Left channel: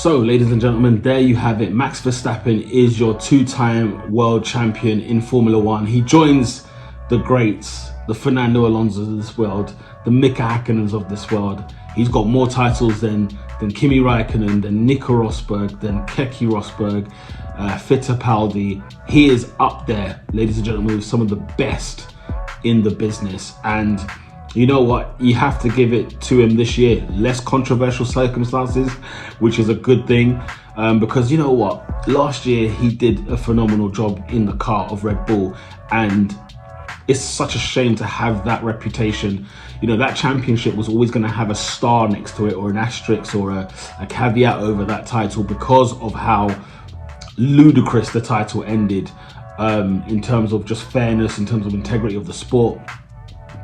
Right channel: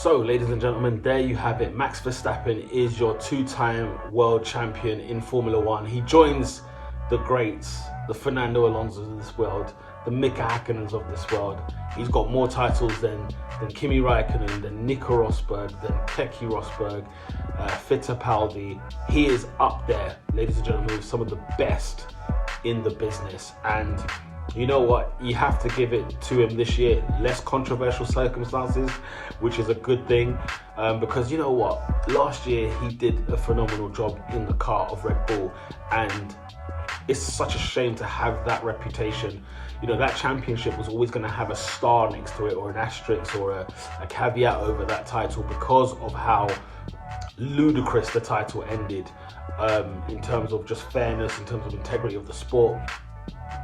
So, ladies and gentlemen, there you have it. Max Verstappen is your two-time world champion in Formula One. He joins the greats, the Fernando Alonso's of this world, the Mika Häkkinens of this world. He's got more titles than Kimi Räikkönen, than Nico Rosberg, than Keke Rosberg, Fittipaldi. He is up there, ladies and gentlemen, with some of the best in the business. And you know what? You have to give it to him this year. Less controversial circumstances, which is a good thing. Because you know what? Last year he did a phenomenal job in the car of Red Bull, and it's such a shame to have that reputation. You know, that championship was always going to have a star next to it, or an asterisk, or a caveat over that title, because of how ludicrous the title ended, in terms of just fairness, in terms of integrity of the sport.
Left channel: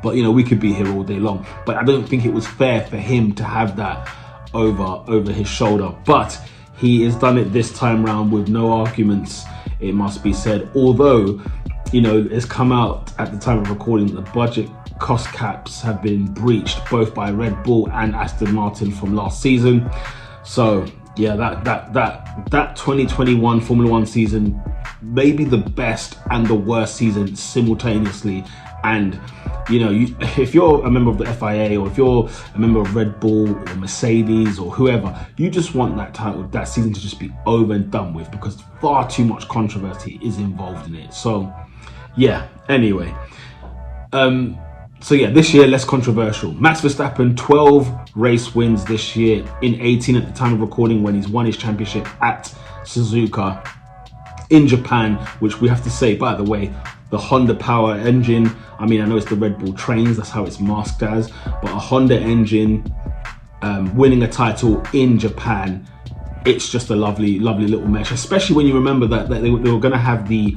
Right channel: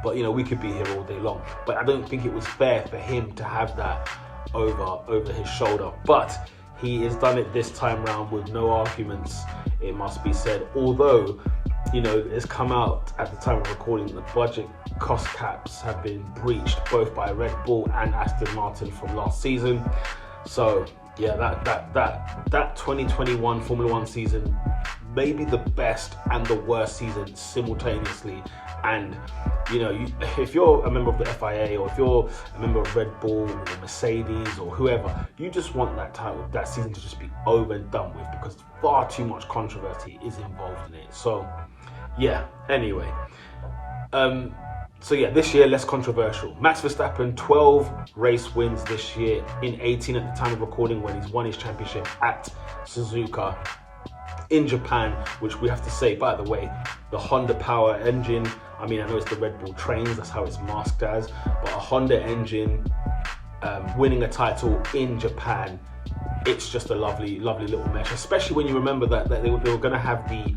But you know, we could be here all day long, but I don't think it was fair for him to have that over his shoulder. But he has done it this time round with no arguments, it must be said. Although, you know, it's come out at the time of recording that the budget cost caps have been breached, both by Red Bull and Aston Martin from last season. So yeah, that 2021 Formula One season may be the best and the worst season simultaneously. And you know, if you're a member of the FIA, or if you're a member of Red Bull or Mercedes or whoever, you just want that title, that season, to just be over and done with, because far too much controversy is involved in it. So yeah, anyway, so yeah, this year less controversial. Max Verstappen, 12 race wins this year, in 18 at the time of recording, when he's won his championship at Suzuka in Japan, which we have to say, by the way, the Honda power engine. I mean, I know it's the Red Bull trains, that's how it's masked as, but a Honda engine winning a title in Japan, it's just a lovely, lovely little mesh, especially when you remember that they were going to have the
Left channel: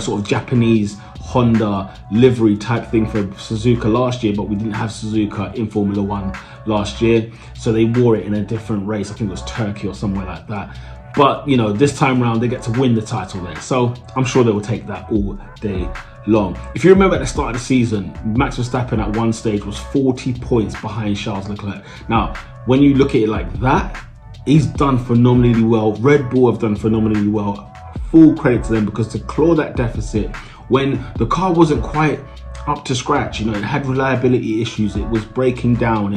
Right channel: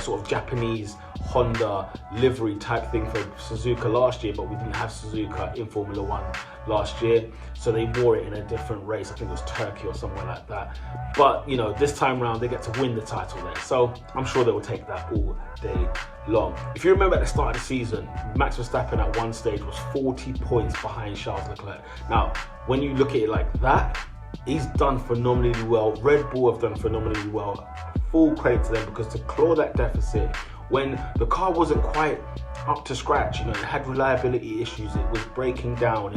sort of Japanese Honda livery type thing for Suzuka last year, but we didn't have Suzuka in Formula One last year, so they wore it in a different race. I think it was Turkey or somewhere like that. But you know, this time round they get to win the title there, so I'm sure they will take that all day long. If you remember at the start of the season, Max Verstappen at one stage was 40 points behind Charles Leclerc. Now, when you look at it like that, he's done phenomenally well. Red Bull have done phenomenally well. Full credit to them, because to claw that deficit when the car wasn't quite up to scratch, you know, it had reliability issues, it was breaking down,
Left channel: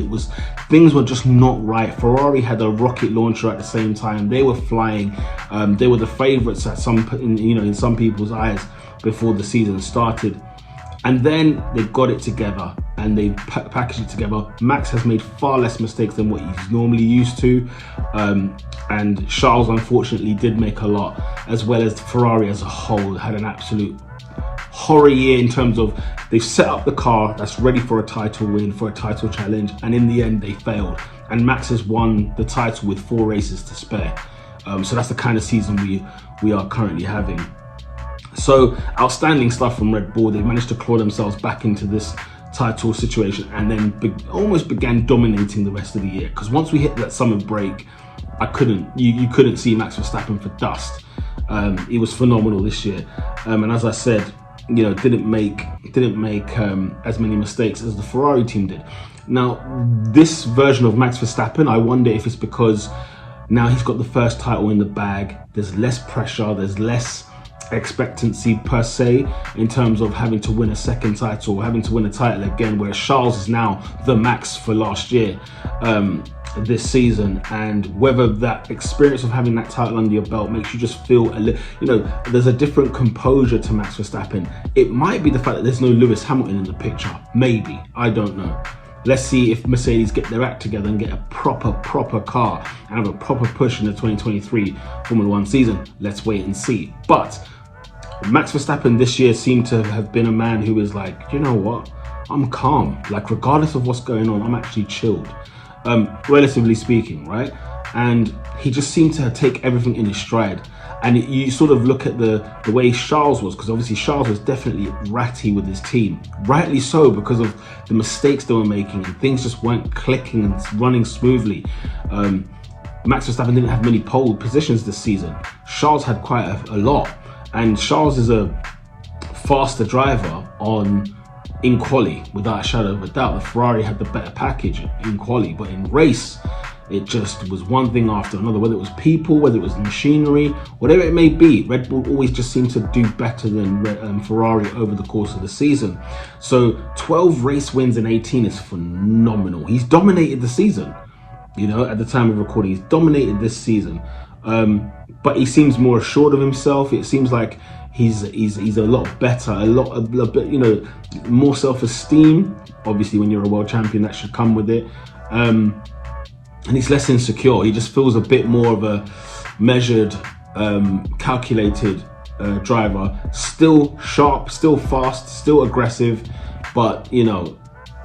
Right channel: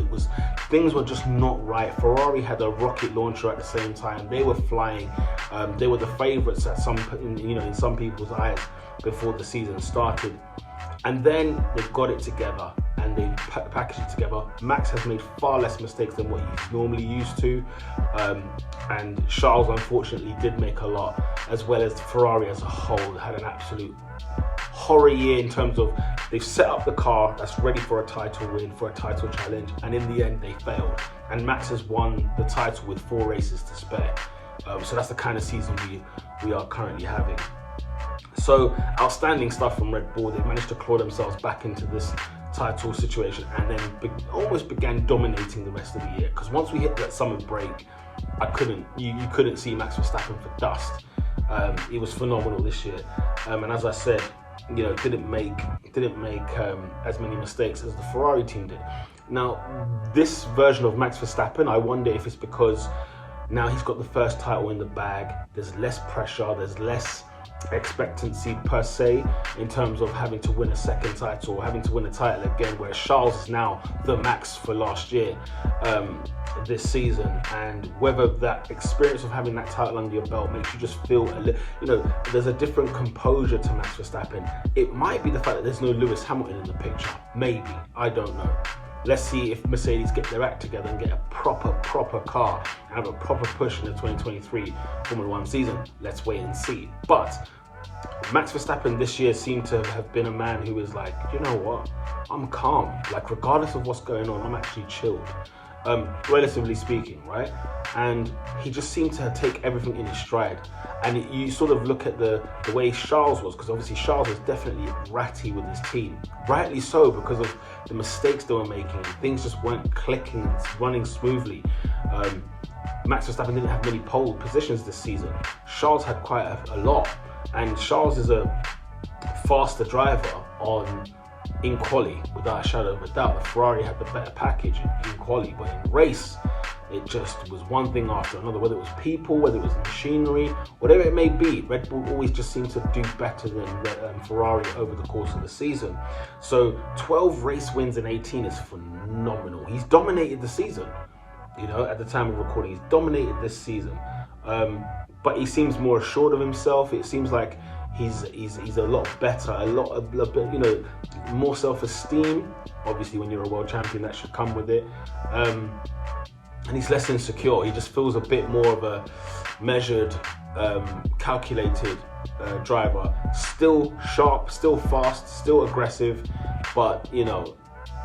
things were just not right. Ferrari had a rocket launcher at the same time, they were flying, they were the favorites at in some people's eyes before the season started. And then they got it together and they packaged it together. Max has made far less mistakes than what he's normally used to, and Charles unfortunately did make a lot, as well as Ferrari as a whole had an absolute horror year, in terms of they've set up the car that's ready for a title win, for a title challenge, and in the end they failed. And Max has won the title with 4 races to spare. So that's the kind of season we are currently having. So outstanding stuff from Red Bull. They managed to claw themselves back into this title situation, and then almost began dominating the rest of the year. Because once we hit that summer break, you couldn't see Max Verstappen for dust. He was phenomenal this year, and as I said, you know, didn't make as many mistakes as the Ferrari team did. Now, this version of Max Verstappen, I wonder if it's because now he's got the first title in the bag. There's less pressure, there's less expectancy per se, in terms of having to win a second title, or having to win a title again, whereas Charles is now the Max for last year, this season. And whether that experience of having that title under your belt makes you just feel a little, you know, there's a different composure to Max Verstappen. It might be the fact that there's no Lewis Hamilton in the picture, maybe, I don't know. Let's see if Mercedes get their act together and get a proper car and have a proper push in the 2023 Formula One season. Let's wait and see. But Max Verstappen this year seemed to have been a man who is like, you know what, I'm calm. Like, regardless of what's going on, I'm actually chilled, relatively speaking, right? And he just seemed to take everything in his stride. And you sort of look at the way Charles was, because obviously Charles was definitely ratty with his team. Rightly so, because of the mistakes they were making, and things just weren't clicking and running smoothly. Max Verstappen didn't have many pole positions this season. Charles had quite a lot. And Charles is a faster driver in quali, without a shadow of a doubt. The Ferrari had the better package in quali, but in race, It just was one thing after another, whether it was people, whether it was machinery, whatever it may be. Red Bull always just seemed to do better than Ferrari over the course of the season. So 12 race wins in 18 is phenomenal. He's dominated the season, you know, at the time of recording. He's dominated this season. But he seems more assured of himself. It seems like he's a lot better, a bit, you know, more self-esteem. Obviously, when you're a world champion, that should come with it. And he's less insecure. He just feels a bit more of a measured, calculated driver. Still sharp, still fast, still aggressive, but you know,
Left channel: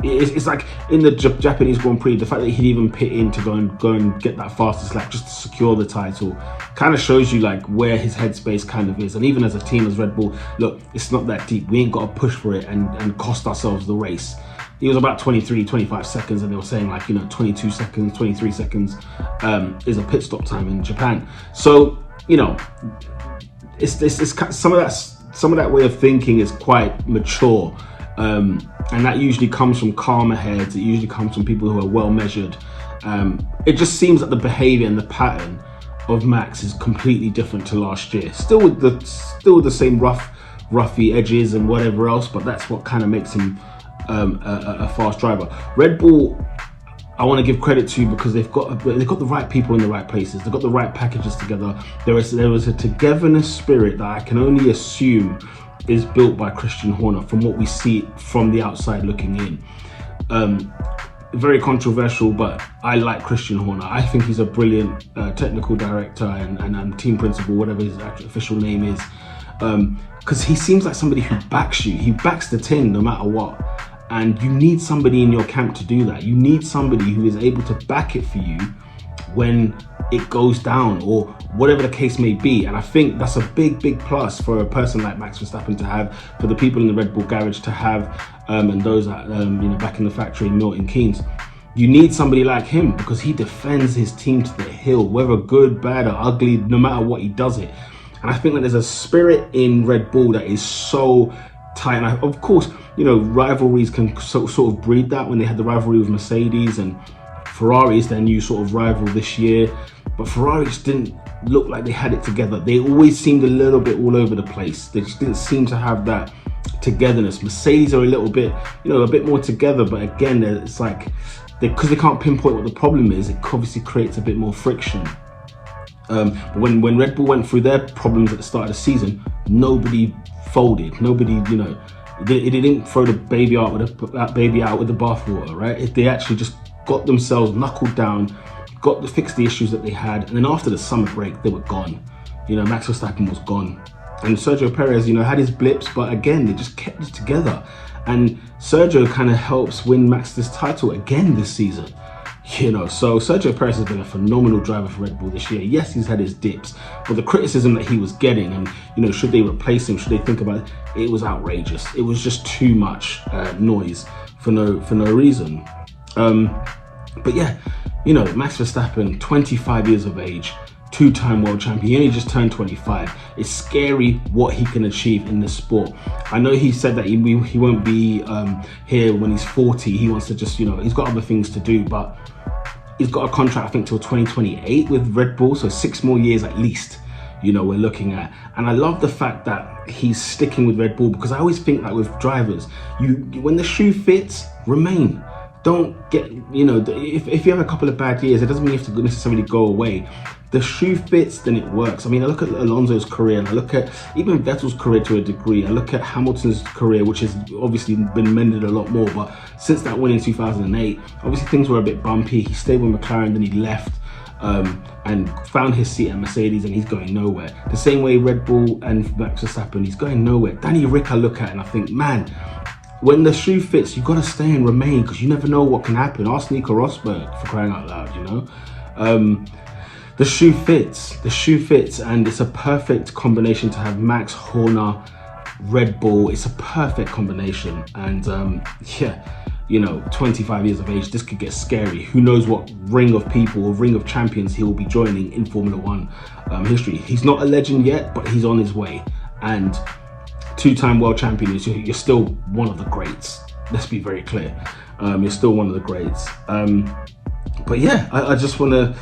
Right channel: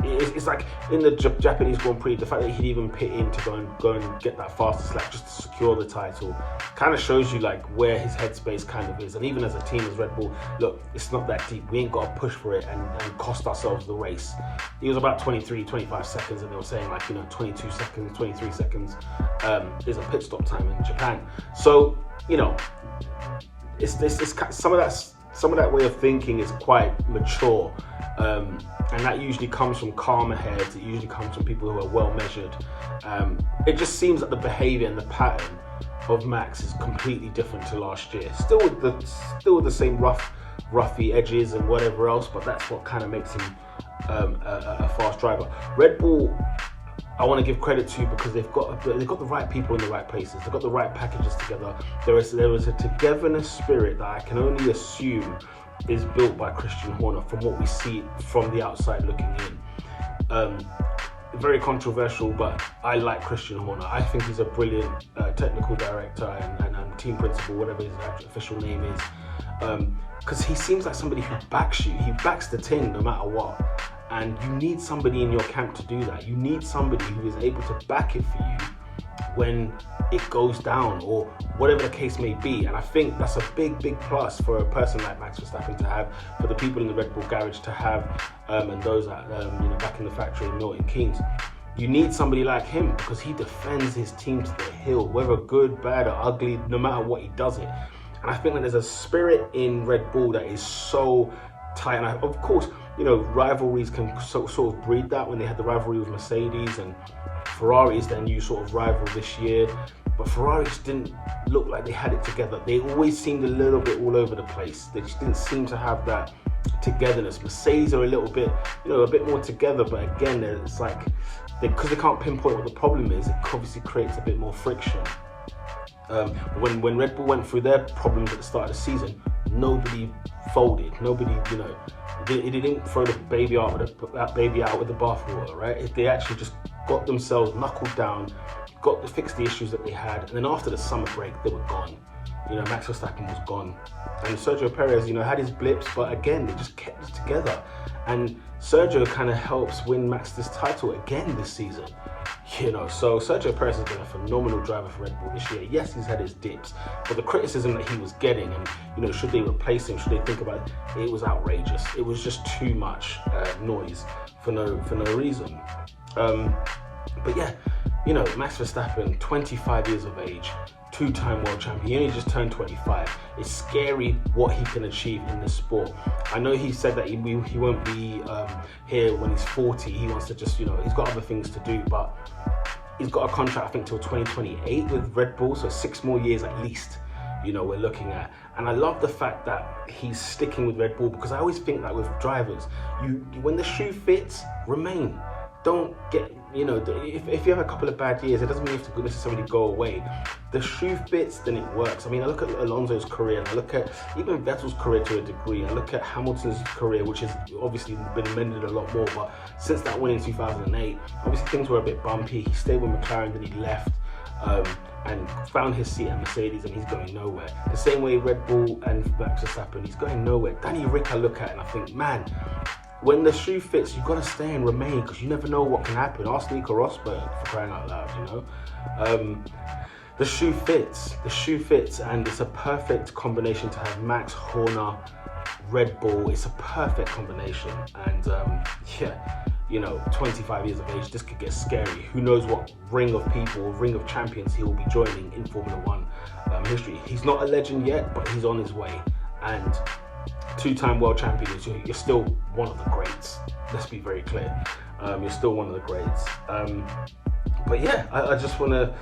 it's like in the Japanese Grand Prix, the fact that he'd even pit in to go and get that fastest lap just to secure the title kind of shows you like where his headspace kind of is. And even as a team, as Red Bull, look, it's not that deep. We ain't got to push for it and cost ourselves the race. He was about 25 seconds, and they were saying like, you know, 22 seconds, 23 seconds is a pit stop time in Japan. So, you know, it's some of that way of thinking is quite mature. And that usually comes from calmer heads. It usually comes from people who are well measured. It just seems that the behavior and the pattern of Max is completely different to last year. Still with the same roughy edges and whatever else, but that's what kind of makes him a fast driver. Red Bull, I want to give credit to because they've got the right people in the right places. They've got the right packages together. There was a togetherness spirit that I can only assume is built by Christian Horner from what we see from the outside looking in. Very controversial, but I like Christian Horner. I think he's a brilliant technical director and team principal, whatever his actual official name is, because he seems like somebody who backs you. He backs the team no matter what. And you need somebody in your camp to do that. You need somebody who is able to back it for you when it goes down or whatever the case may be. And I think that's a big plus for a person like Max Verstappen to have, for the people in the Red Bull garage to have, and those that you know, back in the factory in Milton Keynes. You need somebody like him because he defends his team to the hill, whether good, bad or ugly, no matter what, he does it. And I think that there's a spirit in Red Bull that is so tight. And of course, you know, rivalries can sort of breed that. When they had the rivalry with Mercedes, and Ferrari is their new sort of rival this year, but Ferrari just didn't look like they had it together. They always seemed a little bit all over the place. They just didn't seem to have that togetherness. Mercedes are a little bit, you know, a bit more together, but again, it's like, because they can't pinpoint what the problem is, it obviously creates a bit more friction. When Red Bull went through their problems at the start of the season, nobody folded. Nobody, you know, they didn't throw the baby out with the bathwater, right? They actually just got themselves knuckled down, fixed the issues that they had, and then after the summer break, they were gone. You know, Max Verstappen was gone, and Sergio Perez, you know, had his blips, but again, they just kept it together. And Sergio kind of helps win Max this title again this season. You know, so Sergio Perez has been a phenomenal driver for Red Bull this year. Yes, he's had his dips, but the criticism that he was getting, and you know, should they replace him? Should they think about it? It was outrageous. It was just too much noise for no reason. But yeah, you know, Max Verstappen, 25 years of age, two-time world champion. He only just turned 25. It's scary what he can achieve in this sport. I know he said that he won't be here when he's 40. He wants to just, you know, he's got other things to do, but he's got a contract, I think, till 2028 with Red Bull, so 6 more years at least, you know, we're looking at. And I love the fact that he's sticking with Red Bull, because I always think that with drivers, when the shoe fits, remain. Don't get, you know, if you have a couple of bad years, it doesn't mean you have to necessarily go away. The shoe fits, then it works. I mean, I look at Alonso's career, and I look at even Vettel's career to a degree. I look at Hamilton's career, which has obviously been mended a lot more, but since that win in 2008, obviously things were a bit bumpy. He stayed with McLaren, then he left and found his seat at Mercedes, and he's going nowhere. The same way Red Bull and Max Verstappen, he's going nowhere. Danny Rick I look at and I think, man, when the shoe fits, you've got to stay and remain, because you never know what can happen. Ask Nico Rosberg, for crying out loud, you know. The shoe fits, and it's a perfect combination to have Max, Horner, Red Bull. It's a perfect combination, and yeah, you know, 25 years of age, this could get scary. Who knows what ring of people or ring of champions he will be joining in Formula One history. He's not a legend yet, but he's on his way, and two-time world champion, you're still one of the greats. Let's be very clear. You're still one of the greats. But yeah, I just want to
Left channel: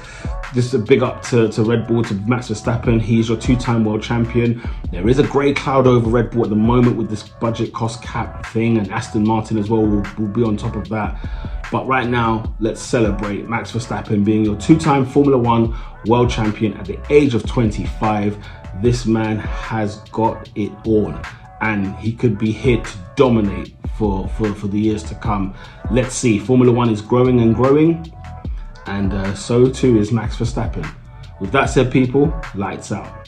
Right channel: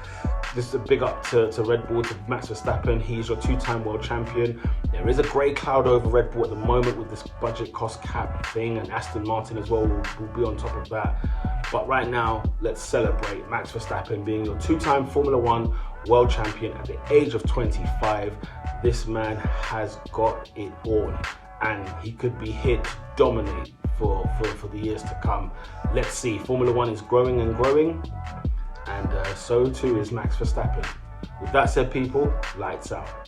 just a big up to Red Bull, to Max Verstappen. He's your two-time world champion. There is a grey cloud over Red Bull at the moment with this budget cost cap thing, and Aston Martin as well will be on top of that. But right now, let's celebrate Max Verstappen being your two-time Formula One world champion at the age of 25. This man has got it all, and he could be here to dominate for the years to come. Let's see. Formula One is growing and growing, and so too is Max Verstappen. With that said, people, lights out.